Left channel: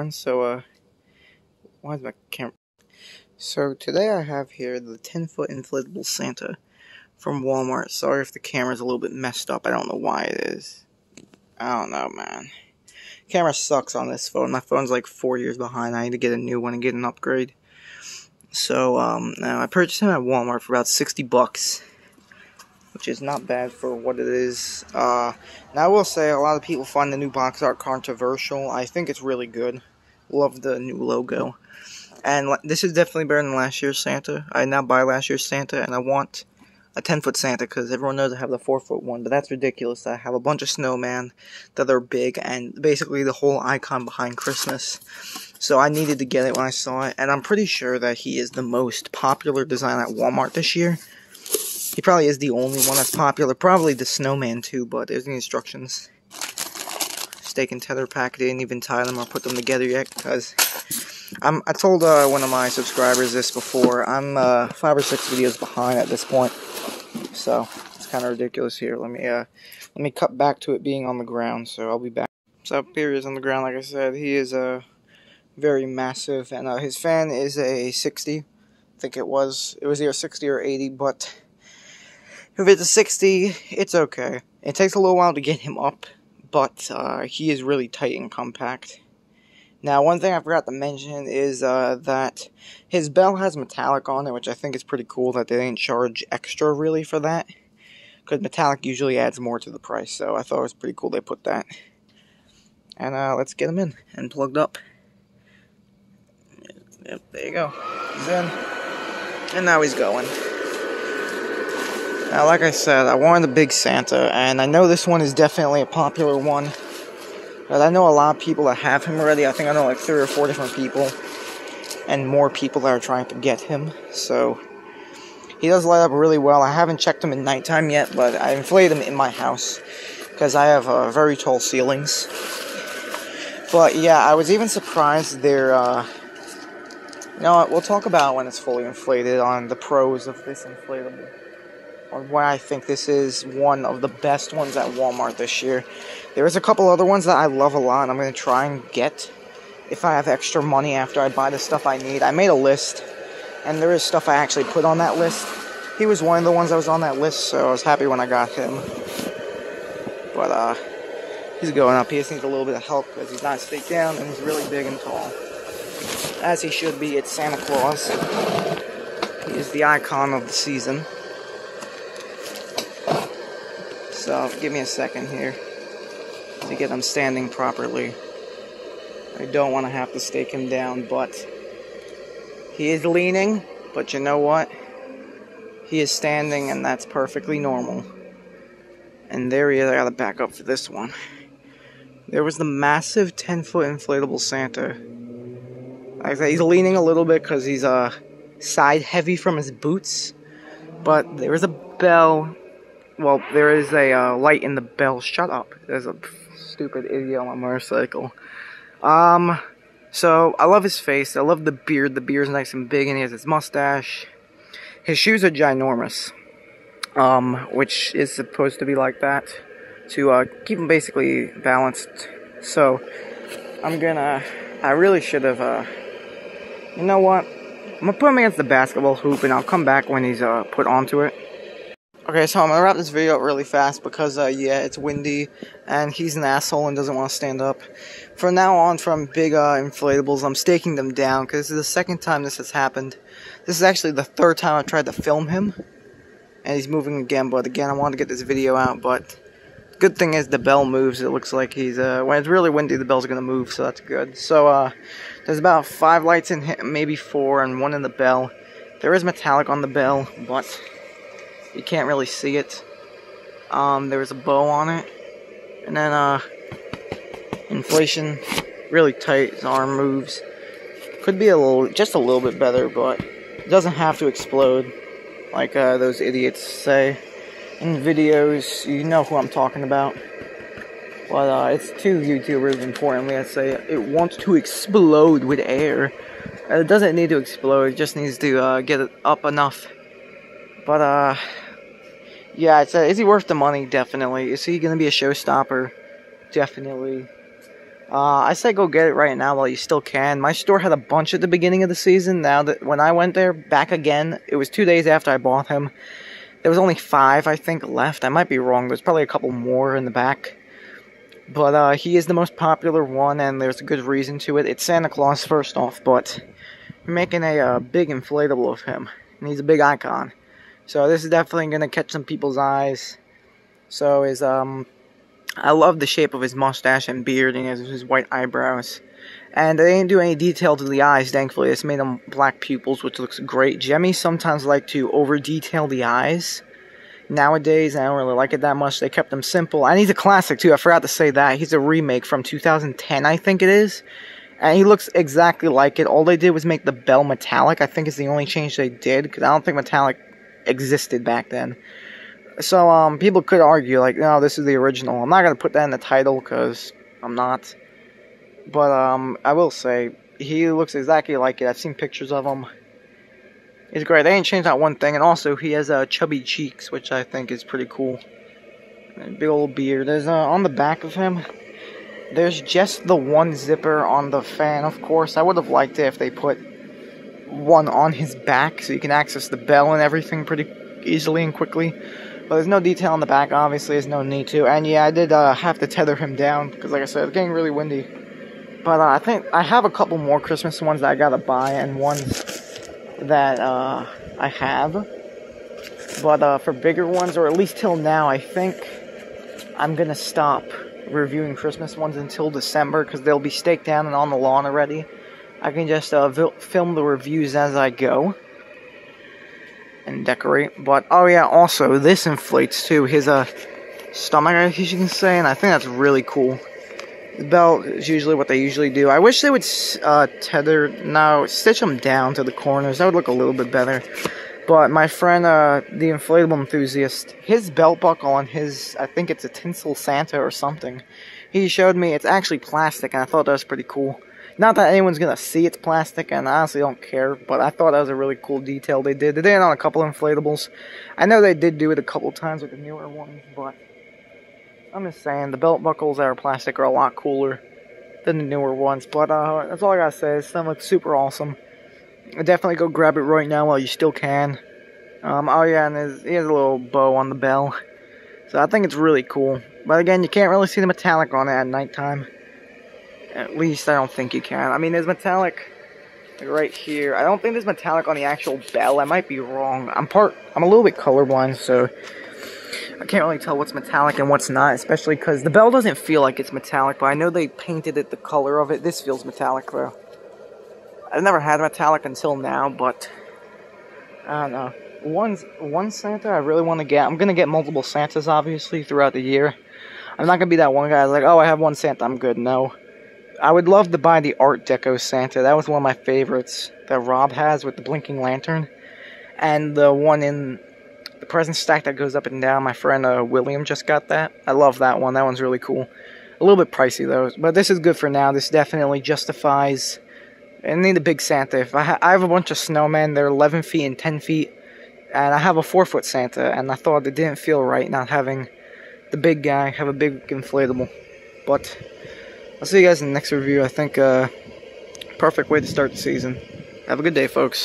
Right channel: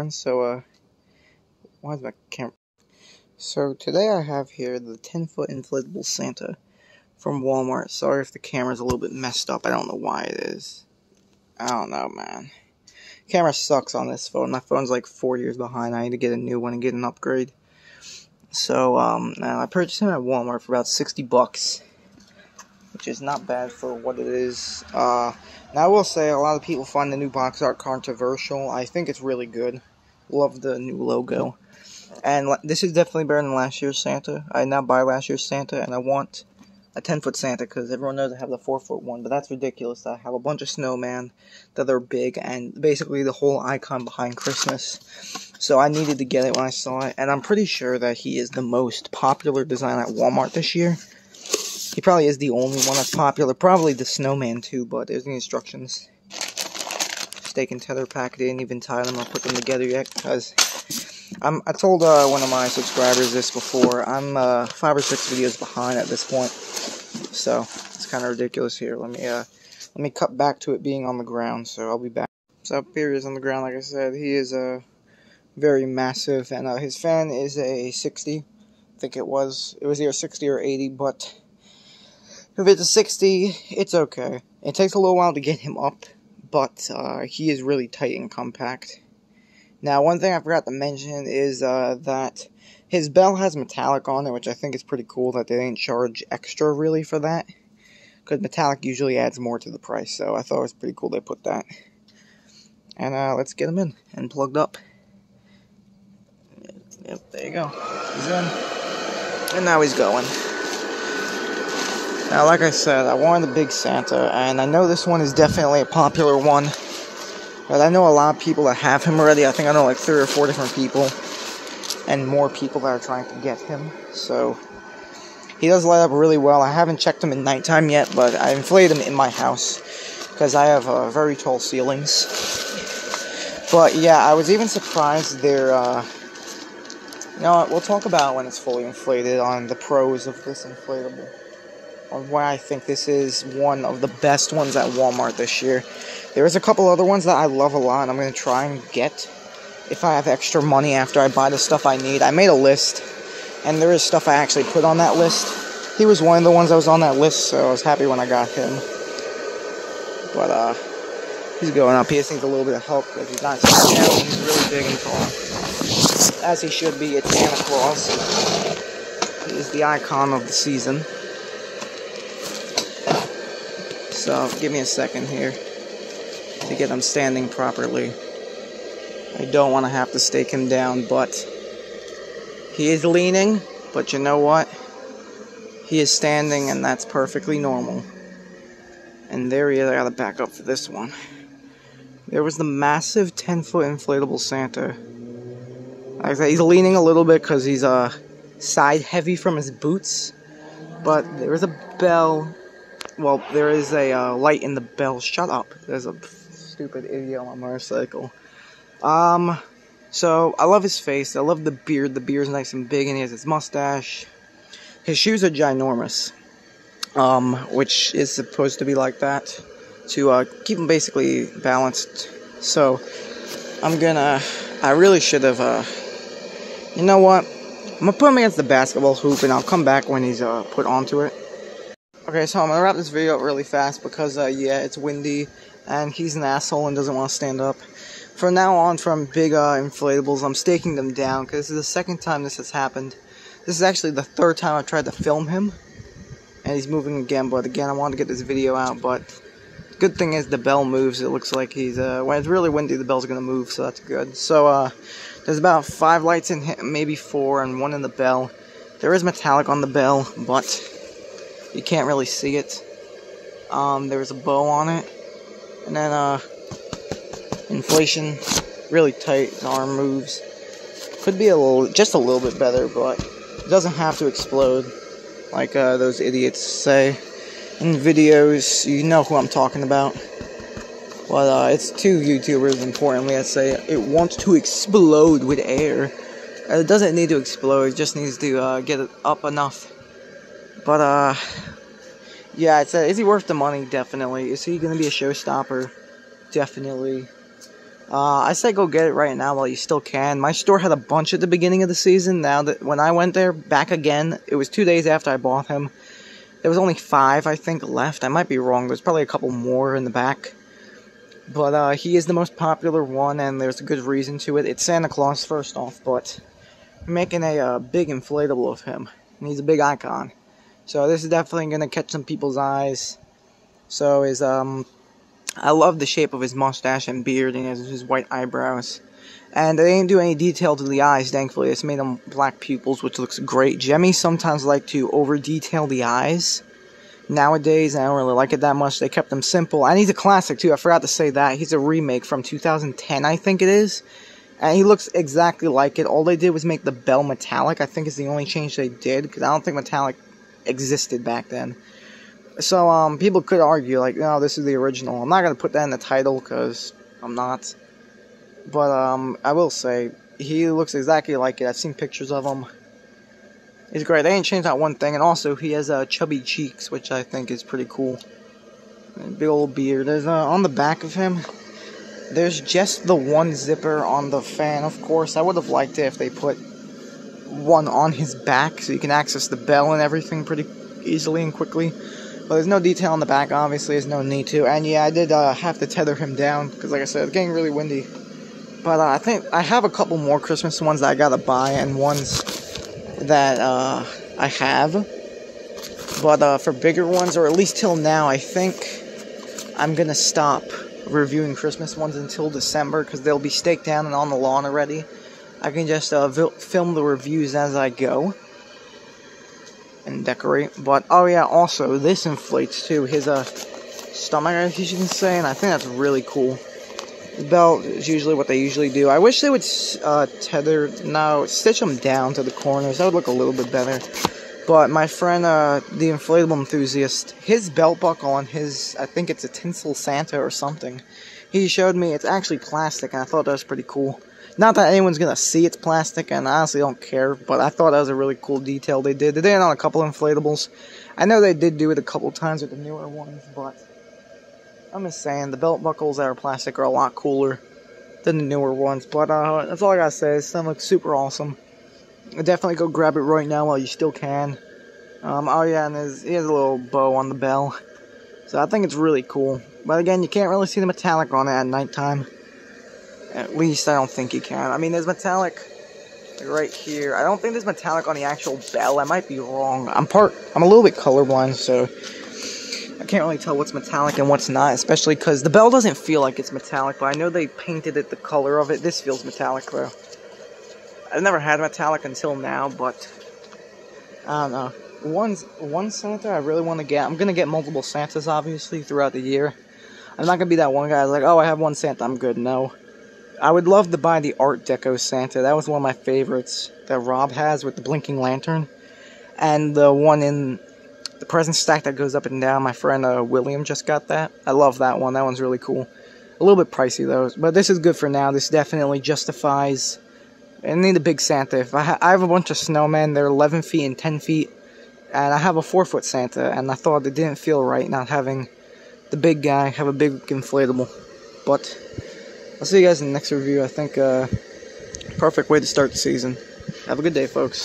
everyone. So, why is my camera? So, today I have here the 10-foot inflatable Santa from Walmart. Sorry if the camera's a little bit messed up. I don't know why it is. I don't know, man. Camera sucks on this phone. My phone's like 4 years behind. I need to get a new one and get an upgrade. So, now I purchased him at Walmart for about 60 bucks. Which is not bad for what it is. Now I will say, a lot of people find the new box art controversial. I think it's really good. Love the new logo. And this is definitely better than last year's Santa. I now buy last year's Santa, and I want a 10-foot Santa, because everyone knows I have the 4-foot one, but that's ridiculous. I have a bunch of snowmen that are big, and basically the whole icon behind Christmas. So I needed to get it when I saw it, and I'm pretty sure that he is the most popular design at Walmart this year. He probably is the only one that's popular. Probably the snowman too, but there's the instructions. Stake and tether pack. They didn't even tie them or put them together yet, because I told one of my subscribers this before. I'm 5 or 6 videos behind at this point, so it's kind of ridiculous here. Let me cut back to it being on the ground. So I'll be back. So here he is on the ground. Like I said, he is very massive, and his fan is a 60. I think it was either 60 or 80, but if it's a 60, it's okay. It takes a little while to get him up, but he is really tight and compact. Now, one thing I forgot to mention is that his bell has metallic on it, which I think is pretty cool that they didn't charge extra really for that, because metallic usually adds more to the price, so I thought it was pretty cool they put that. And let's get him in and plugged up. Yep, there you go. He's in, and now he's going. Now, like I said, I wanted a big Santa, and I know this one is definitely a popular one, but I know a lot of people that have him already. I think I know like 3 or 4 different people, and more people that are trying to get him, so he does light up really well. I haven't checked him at nighttime yet, but I inflated him in my house, because I have very tall ceilings. But yeah, I was even surprised they're, you know what, we'll talk about it when it's fully inflated on the pros of this inflatable. Or why I think this is one of the best ones at Walmart this year. There's a couple other ones that I love a lot, and I'm going to try and get if I have extra money after I buy the stuff I need. I made a list, and there is stuff I actually put on that list. He was one of the ones that was on that list, so I was happy when I got him. But, he's going up. He just needs a little bit of help, because he's not sitting down, and he's really big and tall. As he should be. It's Santa Claus. He is the icon of the season. So, give me a second here to get him standing properly. I don't want to have to stake him down, but he is leaning, but you know what? He is standing, and that's perfectly normal. And there he is. I gotta back up for this one. There was the massive 10-foot inflatable Santa. Like I said, he's leaning a little bit because he's side heavy from his boots, but there is a bell. Well, there is a light in the bell. Shut up. There's a stupid idiot on my motorcycle. So, I love his face. I love the beard. The beard's nice and big, and he has his mustache. His shoes are ginormous. Which is supposed to be like that, to keep him basically balanced. So, I really should have, you know what? I'm gonna put him against the basketball hoop, and I'll come back when he's put onto it. Okay, so I'm going to wrap this video up really fast because, yeah, it's windy, and he's an asshole and doesn't want to stand up. From now on, from big inflatables, I'm staking them down, because this is the second time this has happened. This is actually the 3rd time I tried to film him, and he's moving again, but again, I wanted to get this video out, but the good thing is the bell moves. It looks like he's, when it's really windy, the bell's going to move, so that's good. So, there's about 5 lights in him, maybe 4, and 1 in the bell. There is metallic on the bell, but you can't really see it. There's a bow on it. And then, inflation, really tight, his arm moves. Could be just a little bit better, but it doesn't have to explode, like those idiots say in videos. You know who I'm talking about. But, it's 2 YouTubers, importantly, that say it wants to explode with air. It doesn't need to explode, it just needs to, get it up enough. But, yeah, is he worth the money? Definitely. Is he going to be a showstopper? Definitely. I say go get it right now while you still can. My store had a bunch at the beginning of the season. Now that when I went there back again, it was 2 days after I bought him. There was only 5, I think, left. I might be wrong. There's probably a couple more in the back. But he is the most popular one, and there's a good reason to it. It's Santa Claus, first off, but we're making a big inflatable of him. And he's a big icon. So this is definitely going to catch some people's eyes. So I love the shape of his mustache and beard and his white eyebrows. And they didn't do any detail to the eyes, thankfully. They just made them black pupils, which looks great. Gemmy sometimes like to over-detail the eyes. Nowadays, I don't really like it that much. They kept them simple. And he's a classic, too. I forgot to say that. He's a remake from 2010, I think it is. And he looks exactly like it. All they did was make the bell metallic. I think it's the only change they did, because I don't think metallic existed back then. So, people could argue, like, no, this is the original. I'm not going to put that in the title, because I'm not. But, I will say, he looks exactly like it. I've seen pictures of him. He's great. They ain't changed that one thing. And also, he has, chubby cheeks, which I think is pretty cool. And big old beard. There's, on the back of him, there's just the one zipper on the fan, of course. I would have liked it if they put one on his back, so you can access the bell and everything pretty easily and quickly. But there's no detail on the back, obviously, there's no need to. And yeah, I did have to tether him down, because like I said, it's getting really windy. But I think I have a couple more Christmas ones that I gotta buy, and ones that I have. But for bigger ones, or at least till now, I think I'm gonna stop reviewing Christmas ones until December, because they'll be staked down and on the lawn already. I can just film the reviews as I go. And decorate. But oh yeah, also this inflates too his stomach, I guess you can say, and I think that's really cool. The belt is usually what they usually do. I wish they would stitch them down to the corners. That would look a little bit better. But my friend, the inflatable enthusiast, his belt buckle on his, I think it's a tinsel Santa or something. He showed me it's actually plastic, and I thought that was pretty cool. Not that anyone's gonna see it's plastic, and I honestly don't care, but I thought that was a really cool detail they did. They did it on a couple of inflatables. I know they did do it a couple times with the newer ones, but I'm just saying, the belt buckles that are plastic are a lot cooler than the newer ones. But that's all I gotta say. This stuff looks super awesome. Definitely go grab it right now while you still can. Oh yeah, and he has a little bow on the bell. So I think it's really cool. But again, you can't really see the metallic on it at nighttime. At least I don't think you can. I mean, there's metallic right here. I don't think there's metallic on the actual bell. I might be wrong. I'm a little bit colorblind, so I can't really tell what's metallic and what's not, especially because the bell doesn't feel like it's metallic, but I know they painted it the color of it. This feels metallic, though. I've never had metallic until now, but I don't know. One Santa I really want to get. I'm going to get multiple Santas, obviously, throughout the year. I'm not going to be that one guy like, oh, I have one Santa, I'm good. No. I would love to buy the Art Deco Santa. That was one of my favorites that Rob has with the blinking lantern. And the one in the present stack that goes up and down. My friend William just got that. I love that one. That one's really cool. A little bit pricey, though. But this is good for now. This definitely justifies... I need a big Santa. If I have a bunch of snowmen. They're 11 feet and 10 feet. And I have a 4-foot Santa. And I thought it didn't feel right not having the big guy have a big inflatable. But I'll see you guys in the next review. I think perfect way to start the season. Have a good day, folks.